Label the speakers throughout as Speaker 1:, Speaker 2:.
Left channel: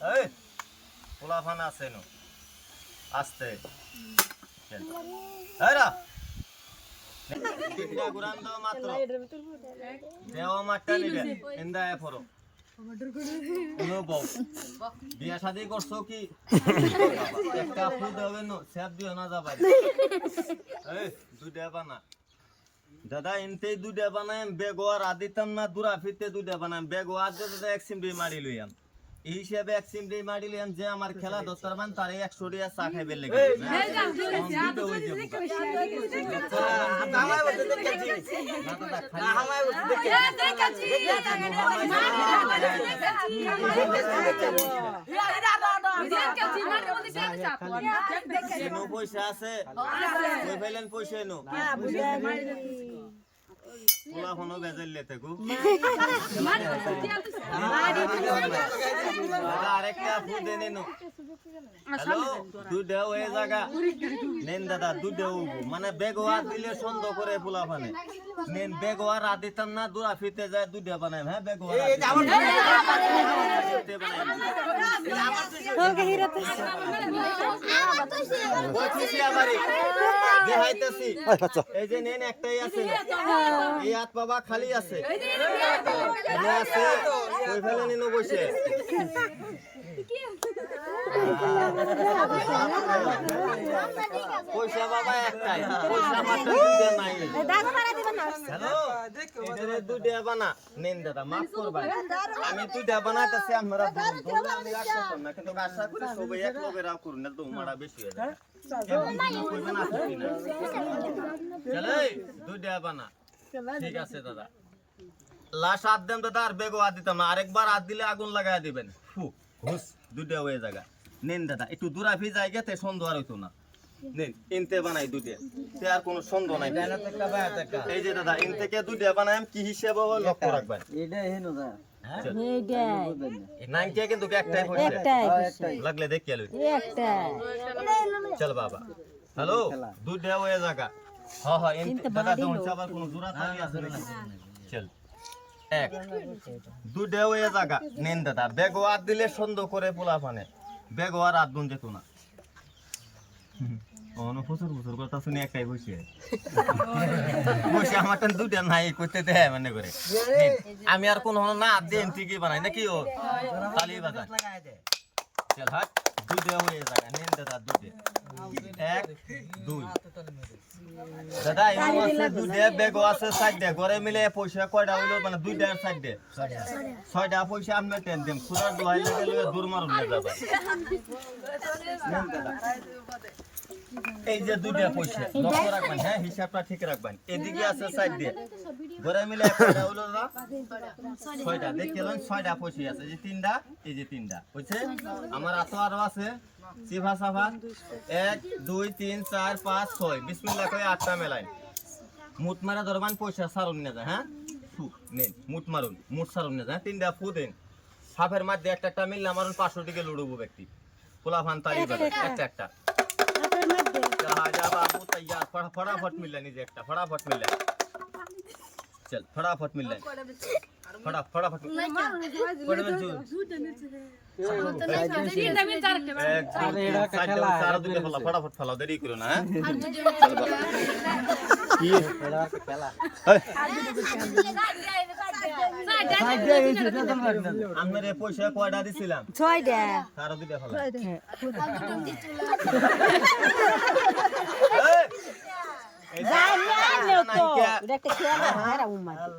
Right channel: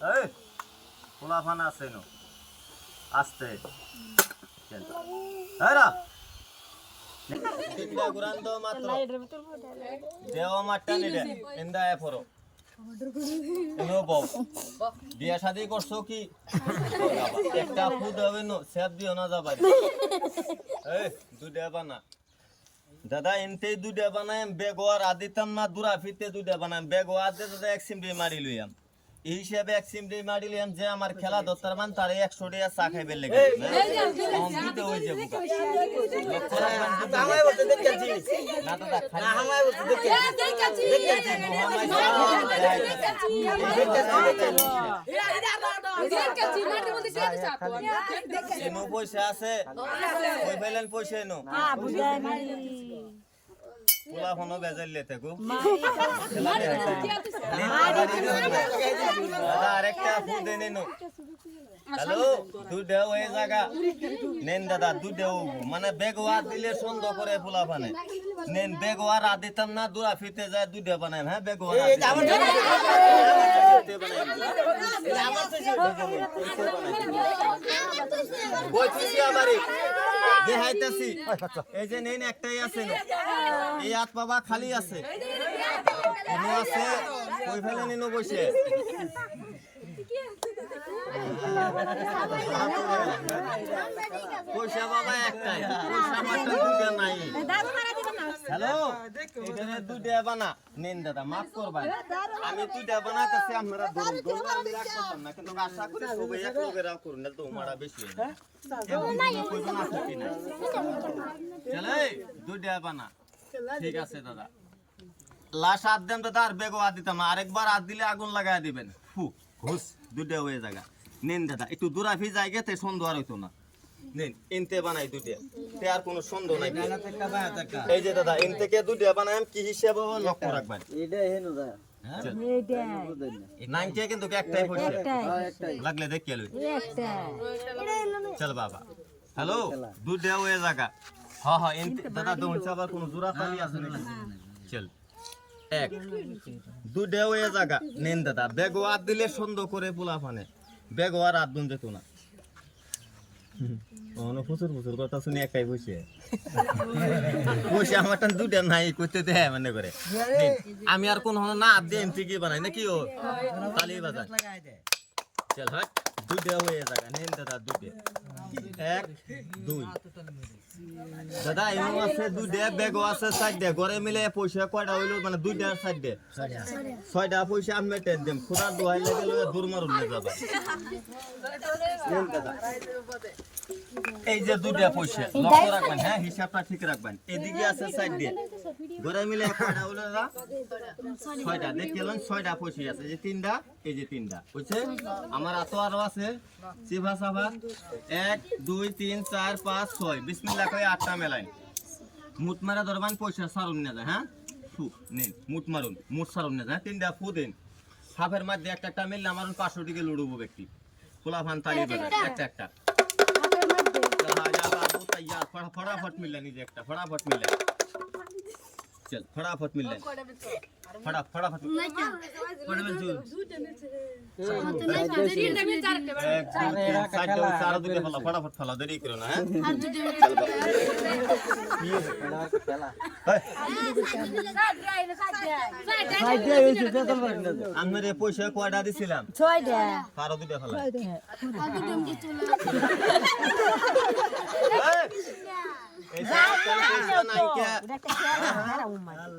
Speaker 1: এই পোলাফান আছে নো আস্তে। চল এই রা টিকটা মাত্র। দেওয়া মাঠটা নিবে। এন্দা এ ফরো এনো বউ। বিয়া শাদি করছ কি? একটা ফুদ হবে নো সেব দিও না যাবাই। এই দুধে বানা। দাদা এনতে দুধে বানাই বেগোয়ার আদিতাম না দূরা ফিরতে দুধে বানাই বেগোয়ার দে দাদা এক সিমড়ি মারি লইয়াম। এই হিসাবে এক সিমড়ি মারি লইয়াম যে আমার খেলা দত্তার মান তারে একশো টাকা চা খাইবে লেগে হয়ে না পয়সা আছে পয়সা এনো পোলা ফোনো বেজাল লেতে গো দাদা আরেকটা ফুল হ্যালো দুধ হয়ে জায়গা নেন দাদা দুধ মানে বেগওয়ার দিলে সন্দ করে পোলা ফানে নেন বেগওয়ার আদিতাম না দুরা ফিতে যায় দুধে বানাই হ্যাঁ বেগওয়ার বইতেছি আমারে দেখাইতেছি। এই যে নেন একটাই আছে এই হাত বাবা খালি আছে। আছে? কই ফেলে নিনো বসে পয়সা বাবা একটাই। পয়সা আমারটা দুইটা নাই। হ্যালো? দুইটা বানা। নেন দাদা মাফ করবেন। আমি দুইটা বানাইতেছি আমরা না, কিন্তু আশা করি সবাই এক লগে রাগ করুন না বেশি হয়ে যায় কইবেন নাই। চলে বানা। ঠিক আছে দাদা। লাশ হাত দেন দাদা আর বেগও হাত দিতাম আরেকবার হাত দিলে আগুন লাগাই দিবেন। ফু ঘুষ দুইটা হয়ে জায়গা নেন দাদা একটু দূরাফি জায়গা তে সন্দেহ আর হইতো না। নেন ইনতে বানাই দুইটা। তে আর কোনো সন্দেহ নাই। এই যে দাদা ইন থেকে দুইটা বানাই কি হিসাবে লক্ষ্য রাখবেন? চল। নাইনকে কিন্তু একটাই পড়ছে লাগলে দেখে চল বাবা। হ্যালো? দুইটা হয়ে জায়গা। হ হ ইনতে দাদা তো হচ্ছে আবার কোনো জোড়া তালি আছে নাকি? চল। এক। দুধে হয়ে জায়গা। নিন দাদা। বেগো আর দিলে সন্দেহ করে পোলা ফানে বেগো আর আট দিত না। অন প্রচুর প্রচুর কথা শুনি একটাই বসে। বসে আমার দুটা নাই কইতে দে মানে করে। আমি আর কোন না আদ দিয়ে এমতি কি বানাই নাকি ও? তালি বাজার। চল হাট দুধে হয়ে জায়গা নিন দাদা দুধে এক দুই। দাদা এমন আছে দুইটা বেগও আছে সাইডে ঘরে মিলে পয়সা কয়টা হইল মানে দুইটা সাইডে ছয়টা পয়সা আমি টেন দিম খুদার দোহাই লাগে দূর মারুন দাদা। নেন দাদা। এই যে দুইটা পয়সা লক্ষ্য রাখবেন হ্যাঁ হিসাবটা ঠিক রাখবেন। এদিকে আছে সাইড দিয়ে। ঘরে মিলে কয়টা হইল দাদা ছয়টা দেখে এলেন ছয়টা পয়সা আছে। যে তিনটা এই যে তিনটা বুঝছে? আমার আতো আরও আছে। চিভা সাভা এক দুই তিন চার পাঁচ ছয়। বিসমিল্লা করে আটটা মেলাইন। মুট মারা ধরবান পয়সা সারুন না হ্যাঁ? ফু নেন মুট মারুন মুট সারুন না হ্যাঁ? তিনটা ফু দেন। সাপের মধ্যে একটা একটা মিললে মারুন পাঁচশো টিকে লুড়বো ব্যক্তি। খোলা ফান তালি একটা একটা যা যা বাবু তৈয়ার ফটা ফটাফট মিললে নিজে একটা ফটাফট মিললে চল ফটাফট মিললে ফটা ফটাফট ফটাফট চল এক দুই তিন চারটে ওই চারো দুটো ফেলা ফটাফট ফেলা দেরি করো না হ্যাঁ? চল বাবা। কি? আমার এ পয়সা কয়টা দিছিলাম
Speaker 2: ছয়টা
Speaker 1: চারো দুটো ফেলা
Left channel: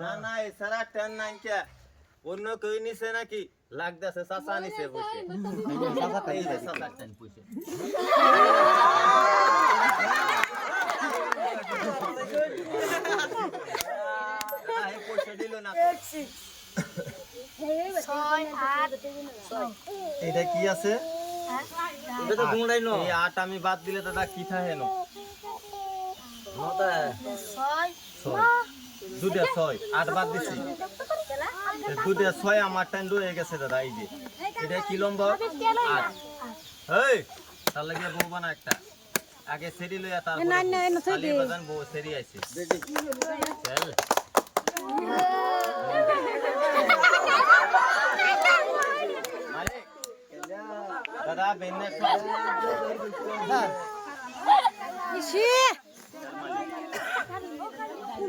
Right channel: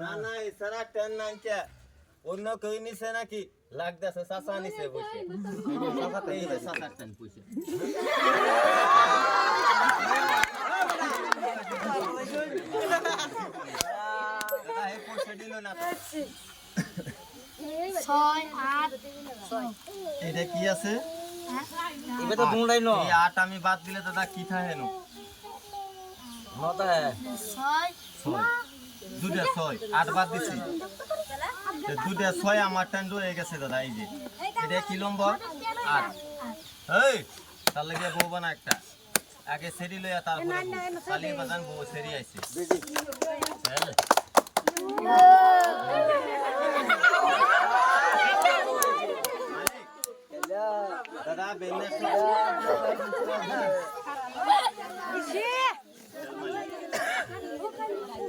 Speaker 1: না না এছাড়া ট্রেন নাই কে অন্য কেউ নিছে নাকি লাগতেছে চাচা নিছে বসে চাচা ট্রেন পয়সা পয়সা দিল না। এটা কি আছে এই আট আমি বাদ দিলে দাদা কি থাকে নো দুটা ছয়। আট বাদ দিছি। দুটা ছয় আমার টাইম রয়ে গেছে দাদা এই যে। এটা কি নম্বর? আট। এই তার লাগে বউ বানা একটা। আগে সেরি লইয়া তারপরে বাজান বউ সেরি আইছে চল মালিক, বেনে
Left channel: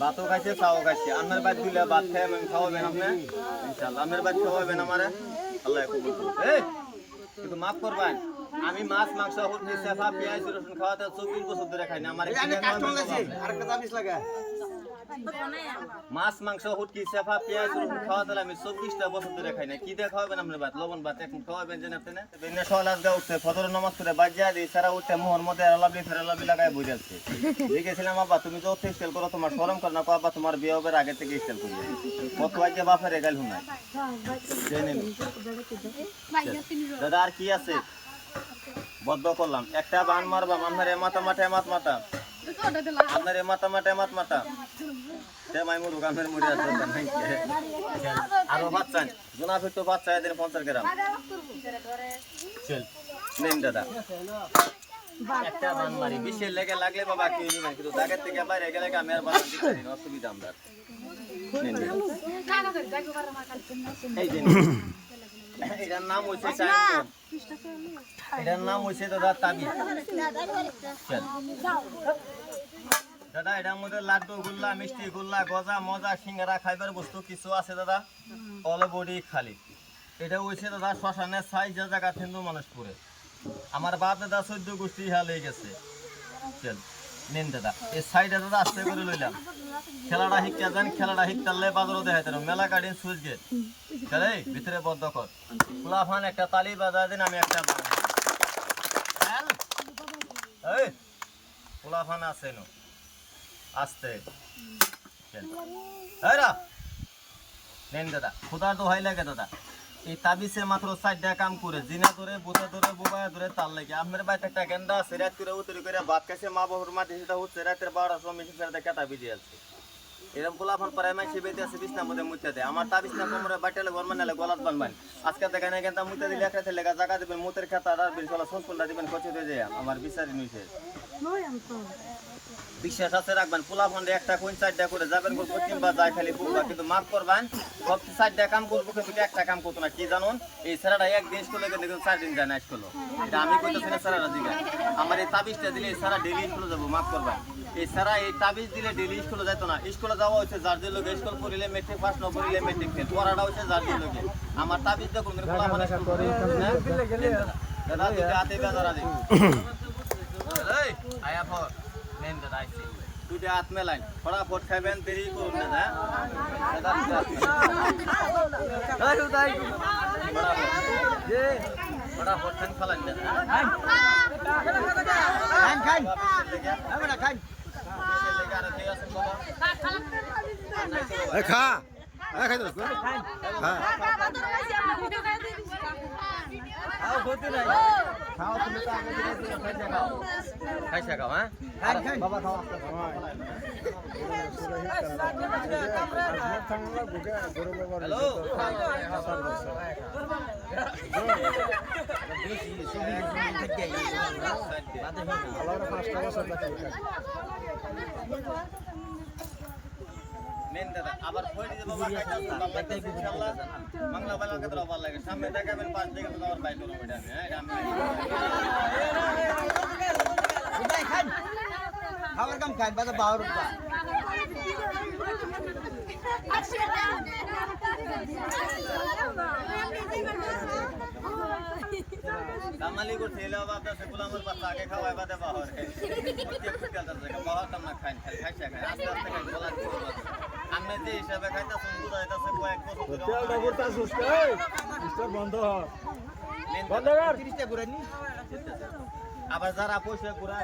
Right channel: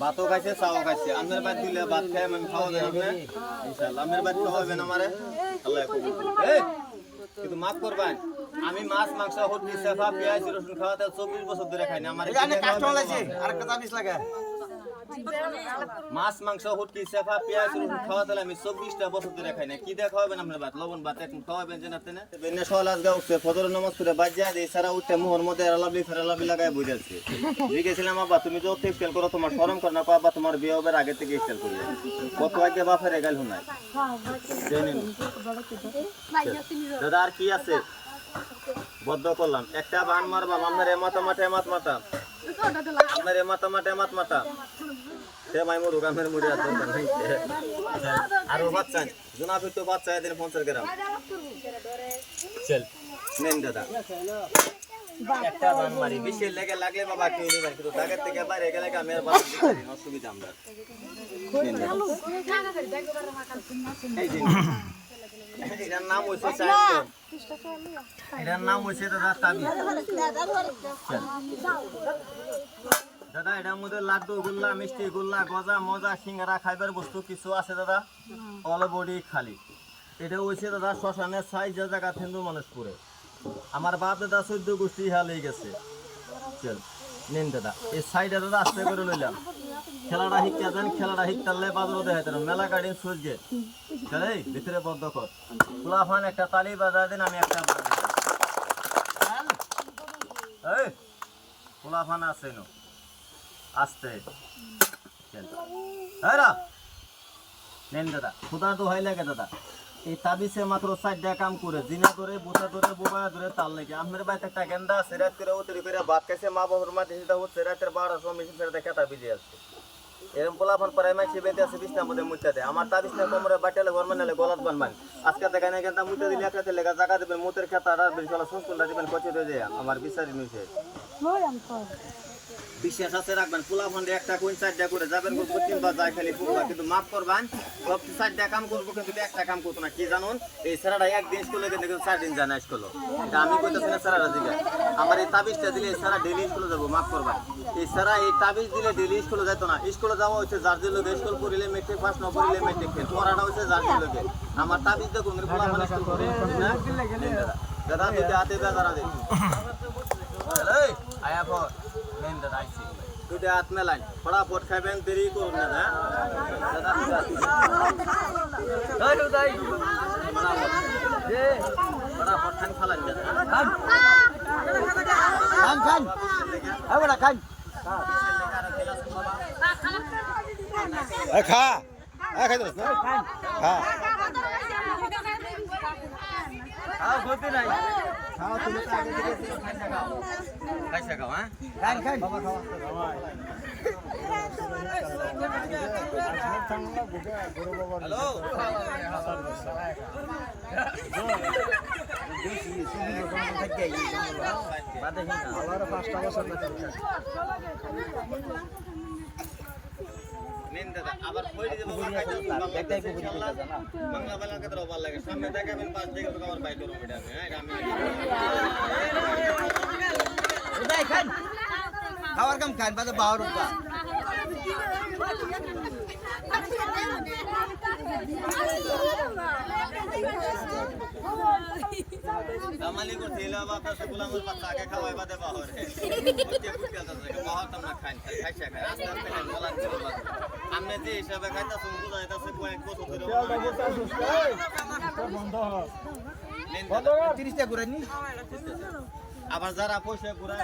Speaker 1: ভাতও খাইছে, চাও খাইছে। আমের বাদ দিলে ভাত খাই আমি যায় আপনি ইনশাল্লাহ আমের বাদ খাওয়াবেন আমারে। আল্লাহ কবুল কিন্তু মাফ করবেন। আমি মাছ মাংস হরনি সেফা পেঁয়াজ রসুন খাওয়াতে চব্বিশ বছর ধরে খাই না। আমার মাছ মাংস হুটকি সেফা পেঁয়াজ রসুন খাওয়াতে আমি চব্বিশটা বছর ধরে খাই না। কি দিয়ে খাওয়াবেন আপনার ভাত? লবণ ভাত এখন খাওয়াবেন যে আপনি না? বেনে সলাস গা উঠছে ফজর নামাজ করে বাজিয়া দিয়ে সারা উঠছে মোহর মধ্যে লাভলি ফেরে লাভলি লাগাই বুঝাচ্ছি গেছিলাম আব্বা তুমি তো ওকে স্টাইল করো তোমার শরম করে না বাবা তোমার বিয়ে হবে আগে থেকে স্টাইল করবে। কত আগে বাপের এগাল হুনাই দাদা আর কি আছে? বদ্ধ করলাম একটা বান মারবা আপনার এ মাথা মাথা এমাত মাথা আপনার এ মাথা মাথা এমাত সে মাই মুরুক আমের মুড়ি আছে বাচ্চা জোনাফি তো বাচ্চা এদিন পঞ্চাশ গ্রাম। চল নেন দাদা। একটা বান মারি। বেশি লেগে লাগলে বাবা কি হইবে কিন্তু দাগের থেকে বাইরে গেলে আমি আর বান অসুবিধা আমরা। এই। এটার নাম এটার হইছে দাদা দাদা এটার মধ্যে লাড্ডু গুল্লা মিষ্টি গুল্লা গজা মজা সিঙ্গারা খাইবার বস্তু কিছু আছে দাদা? অল বডি খালি। এটা হইছে দাদা শ্মশানের সাইজ যে জায়গা হিন্দু মানুষ পুরে আমার বাপ দাদা চোদ্দ গোষ্ঠী হালে গেছে। চল নিন দাদা। এই সাইডে দাদা আস্তে করে লইলাম। খেলাটা শিক্ষা দেন খেলাটা শিখতালে বাজারও দেখাই দেন মেলা গার্ডেন সুইচ গেট চলে ভিতরে বদ্ধ কর। ফুলাফান একটা তালি বাজায় দেন, আমি একটা দিই। এই, ফুলাফান আছে নো আস্তে। নেন দাদা খুদার দোহাই লাগে দাদা। এই তাবিসে মাত্র চারটা কাম করে, জিনা ধরে বুথা ধরে বুবা ধরে, তার লাগে। আপনার বাড়িতে একটা গেন্দা আছে করে উতরে করে ভাত খাইছে মা বাবার মাটি সেটা হচ্ছে, রাতের বারোটার সময় মেশিন ছেড়ে কেতা বিজে এরকম পোলাফান পরে মাইসে বেতে আছে বিছনা মধ্যে মুইতে দেয় আমার তা বিছনা কোমরে বাটেলে ঘর মানালে গলাত বান আজকে দেখা না কিন্তু মুইতে দিলে একটা লেগা জায়গা দেবেন, মুতের খেতা আর বিশালা সংস্করণটা দিবেন, কচি যায়। আমার বিচারি নিছে বিশ্বাস আছে রাখবেন। পোলা ফন্ডে একটা কোন চারটা করে যাবেন প্রতিদিন বা যায় খালি পুরো কিন্তু মাফ করবেন সব চারটা কাম করব কিন্তু একটা কাম করতো না। কি জানুন? এই সারাটা একদিন স্কুলে গেলে কিন্তু চার দিন জানা স্কুল এটা আমি কইতেছি না সারাটা দিকে। আমার এই তাবিজটা দিলে এই সারা ডেলি স্কুলে যাব মাফ করবেন। এই সারা এই তাবিজ দিলে ডেলি স্কুলে যেত না। স্কুলে যাওয়া হচ্ছে যার যে লোক স্কুল করিলে মেট্রিক পাস না করিলে মেট্রিক ফেল পড়াটা হচ্ছে যার যে লোকে আমার তাবিজ দেখুন দাদা দুটো হাতে বেজারা দেখ এই আয়া পর। নেন দাদা আইছি দুটো হাত মেলাইন ফটাফট খাবেন দেরি করুন না হ্যাঁ? ফটাফট। খান ফালাইন দাদা খান খান খান খান
Speaker 2: খা খাই তো খা
Speaker 1: খাও ক্ষতি নাই। খাইছা খাও হ্যাঁ? খান খান
Speaker 2: পাঁচটা বছর
Speaker 1: নেন দাদা আবার কই দিতে বাবা খাইতে বাংলা বাংলা কত ভালো লাগে। সামনে দেখাবেন পাঁচ দিকে তো আবার বাইরে হবে এটা হ্যাঁ এটা আমি
Speaker 3: খাওয়ার কাম খান বাদা বাহার উঠবা
Speaker 1: কামালি করতে এলো বাবা আপনার সকল আমার বাচ্চা আগে খাওয়াই বাদে বাহর বাহর তোমরা খাইন খাই খাই আস্তে আস্তে খাইন বলা ছিল যে হিসাবে খাইতাছেন বুঝা যাইতাছে কয়েক বছর
Speaker 2: বন্ধ
Speaker 1: নেন
Speaker 2: বন্ধ
Speaker 1: দাদা।
Speaker 2: কর।
Speaker 3: তিরিশটা ঘুরাই নি?
Speaker 1: আবার যারা পয়সা ঘুরা